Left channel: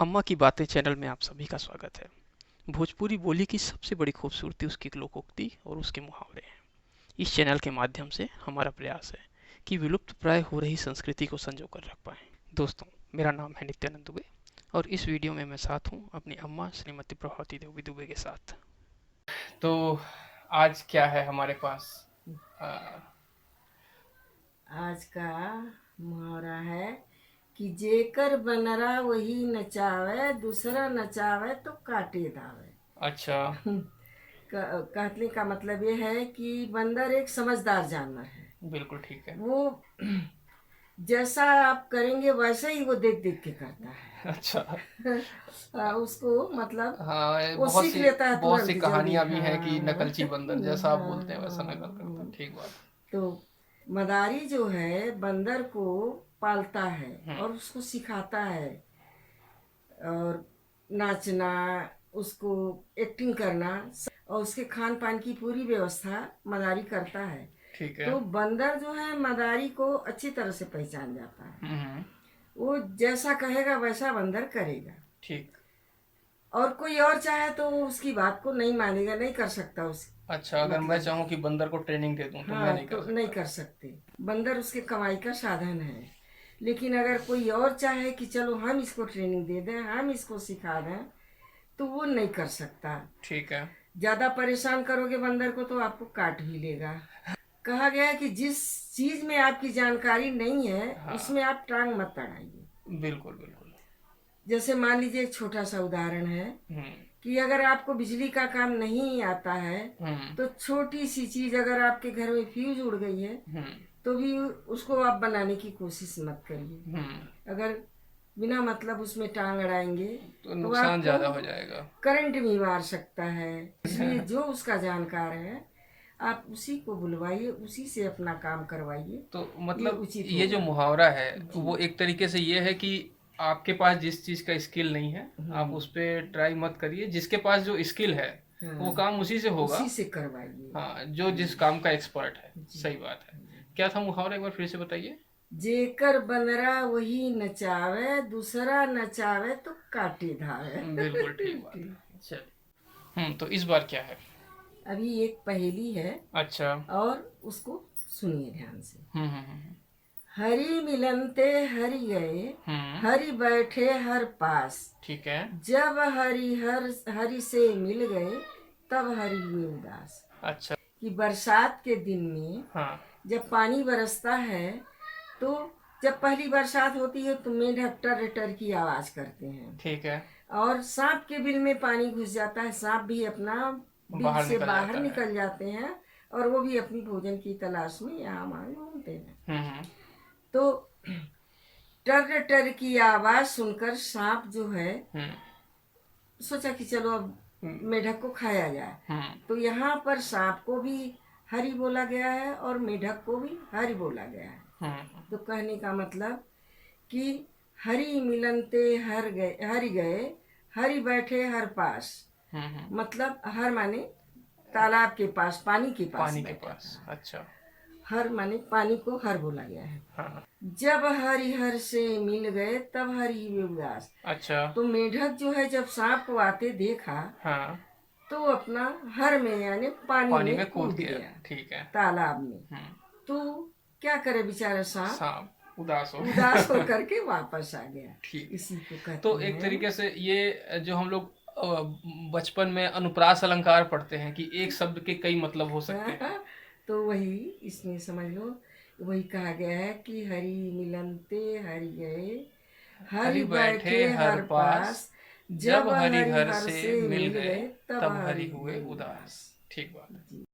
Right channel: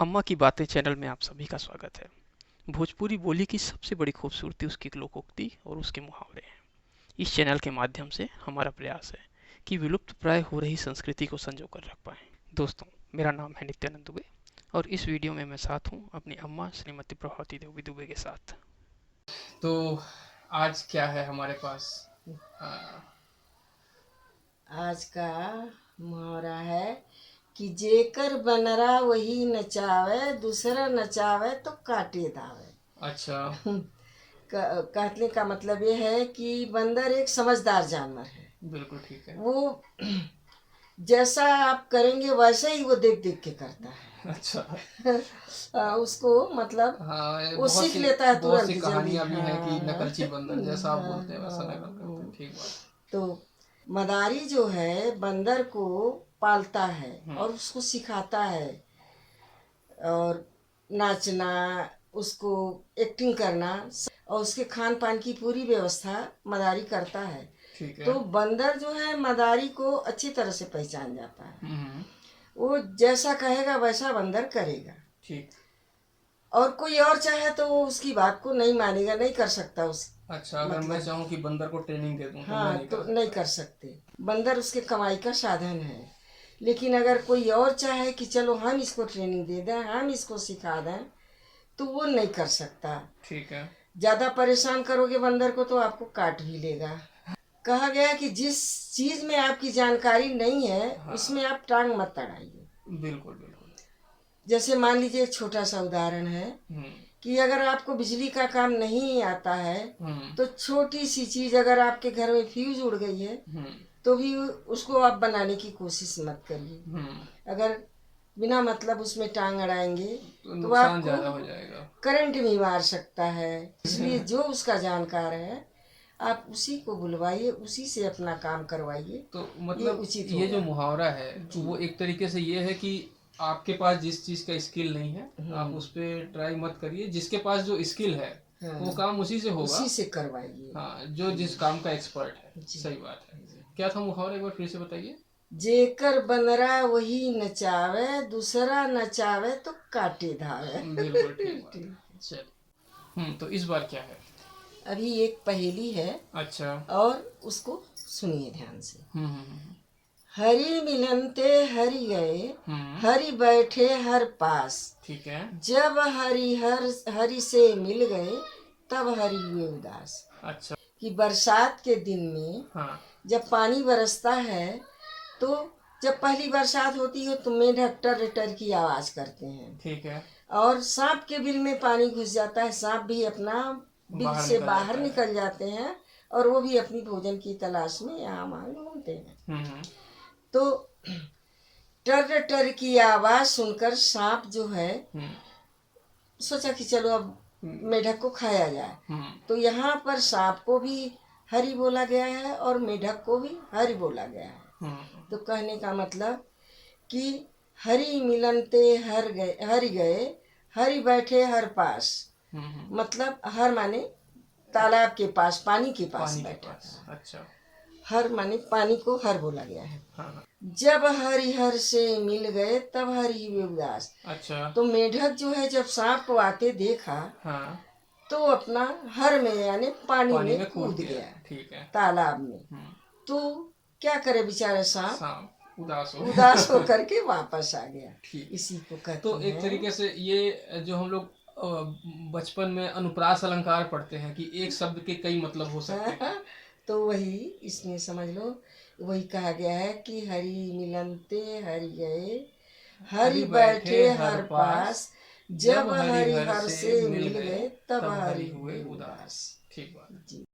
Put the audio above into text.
अम्मा की बातें चैनल में आप सभी का स्वागत है। भोजपुरी बोली की सबसे बड़ी खूबसूरती उसकी लोकोक्ति और उसके मुहावरे हैं। इस चैनल के माध्यम से हमारा प्रयास है कि विलुप्त प्राय हो रही संस्कृति को संजो कर रख पाएं। दोस्तों, मेरा नाम है नित्यानंद दुबे और इस वीडियो में मैं साथ हूँ अपनी अम्मा श्रीमती प्रभावती देवी दुबे के साथ। तो आज क्या है हमारे पास? आ, आज का मुहावरा है कि जेकर बनरा वही नचावे, दूसरा नचावे तो काटे दावे। अच्छा। कहने का मतलब ये है कि बंदर एक समझदार जानवर है। बिल्कुल ठीक है। वो जैसा आप करेंगे वैसे ही वो देख देख के करता है। अच्छा। उसको मतलब हाँ, ये वो सीख लेता है बहुत सी तुरंत जल्दी। कहानियां भी हैं कि हाँ नकलची बंदर जैसा आप हाँ बोलते हैं वैसा नकल करता है। हाँ। ठीक बात। तो मदारी जो है बंदर को पालता है हम्म। और उसको सिखाता है, और नाचना, उसको एक्टिंग करना और उसके खान पान की पूरी व्यवस्था मदारी करता है। ठीक है। तो बंदर जो है मदारी को अच्छी तरह से पहचान जाता है। हम्म। वो जैसा कहेगा वैसा बंदर करेगा। ठीक। और कोई और चाहे तो वो उसकी बात को नहीं मानेगा, नहीं कर सकता उस अच्छा, अगर मैं मतलब। चाहूँ कि बंदर को ट्रेनिंग दे दूँ तो मैं हाँ, नहीं कर तो नहीं सकता? कर सकते। बंदर उसके कमाई का साधन है। लेकिन अगर कोई और चाहे कि चलो हम इसको ट्रेनिंग दे दें, हम इसको सिखा दें, तो वो नहीं कर सकता। ठीक है। ज़्यादा परेशान करोगे बंदर को तो आपको काट भी लेगा। कहा गया है कि जिस चीज़ में आपकी जानकारी नहीं है हाँ। उसमें आप टांग मत अड़ाइए। बिल्कुल बिल्कुल। जैसे मान लीजिए एक छोटा सा उदाहरण है हम्म। कि अगर आपको बिजली का काम नहीं आता है, हम्म। तो छोटी सी चीज़ अगर आपके घर में फ्यूज उड़ गई है हम्म। तो भी उसको आप बनाने की कोशिश मत करिए। हम्म। अगर बिना मतलब उसमें टांग अड़ाएंगे तो तो नुकसान आपको ज़्यादा हो जाएगा। करंट भी मार सकता है। इसलिए जो उसका जानकार है आप उसी को बुलवाइए, उसी से अपना काम करवाइए। तो ये मतलब उचित ये जो होगा। मुहावरा है जी। वो एक तरीके से ये है कि आपके पास जिस चीज़ का स्किल नहीं है आप हम्म। उस पर ट्राई मत करिए, जिसके पास जो स्किल है वो हाँ, काम उसी से होगा। उसी से करवाइए। हाँ, जो जिस काम का एक्सपर्ट है। जी सही बात है। जी। क्या था मुहावरा, एक बार फिर से बताइए। जेकर बनरा वही नचावे, दूसरा नचावे तो काटे धावे। बिल्कुल ठीक बात ठीक। है। चलिए। तो इस बार क्या है? अभी एक पहेली है अच्छा। और उसको सुनिए ध्यान से। हम्म। हम्म। हरि मिलनते हरि गए, हम्म। हरि बैठे हर पास। ठीक है। जब हरि से मिल गए तब हरि हुए उदास। अच्छा। कि बरसात के दिन में हाँ। जब पानी बरसता है तो जब पहली बरसात होती है तो मेढक टर टर की आवाज़ करते हैं। ठीक है। और सांप के बिल में पानी घुस जाता है, सांप भी अपना बिल बाहर से निकल बाहर जाता है। निकल जाते हैं और वो भी अपनी भोजन की तलाश में यहाँ वहाँ घूमते हैं। हम्म। तो टर टर की आवाज़ सुनकर सांप जो है हम्म। सोचा कि चलो अब हम्म। मेढक को खाया जाए। हम्म। तो यहाँ पर सांप को भी हरि बोला गया है और मेढक को भी हरि बोला गया है। हम्म। तो कहने का मतलब कि हरि मिलनते हरि गए, हरि बैठे हर पास। हम्म। मतलब हर माने तालाब के पास, पानी के पास पानी के बैठा पास। था। अच्छा। हर माने पानी को हर बोला गया है। हाँ हाँ। जब हरिहर से मिल गए तब हरि हुए उदास। अच्छा। तो मेढक जो है जब सांप को आते देखा हाँ। तो अपना हर में यानी पानी पानी में में कूद कूद गया। गया, ठीक है। तालाब में। हम्म। तो क्या करे बेचारा सांप, सांप उदास हो उदास गया। होकर के वापस आ गया। ठीक है। इसी को कहते तो एक हैं। तरीके से ये जो हम लोग बचपन में अनुप्रास अलंकार पढ़ते हैं कि एक शब्द के कई मतलब हो सकते हैं। तो वही इसमें समझ लो, वही कहा गया है कि हरि मिलनते हरि गए, हरि हरि बैठे बैठे हर हर पास, पास। जब जब हरि हरि हर हर से से मिल मिल गए गए तब तब हरि हरि हुए हुए उदास। उदास। ठीक बात है। जी।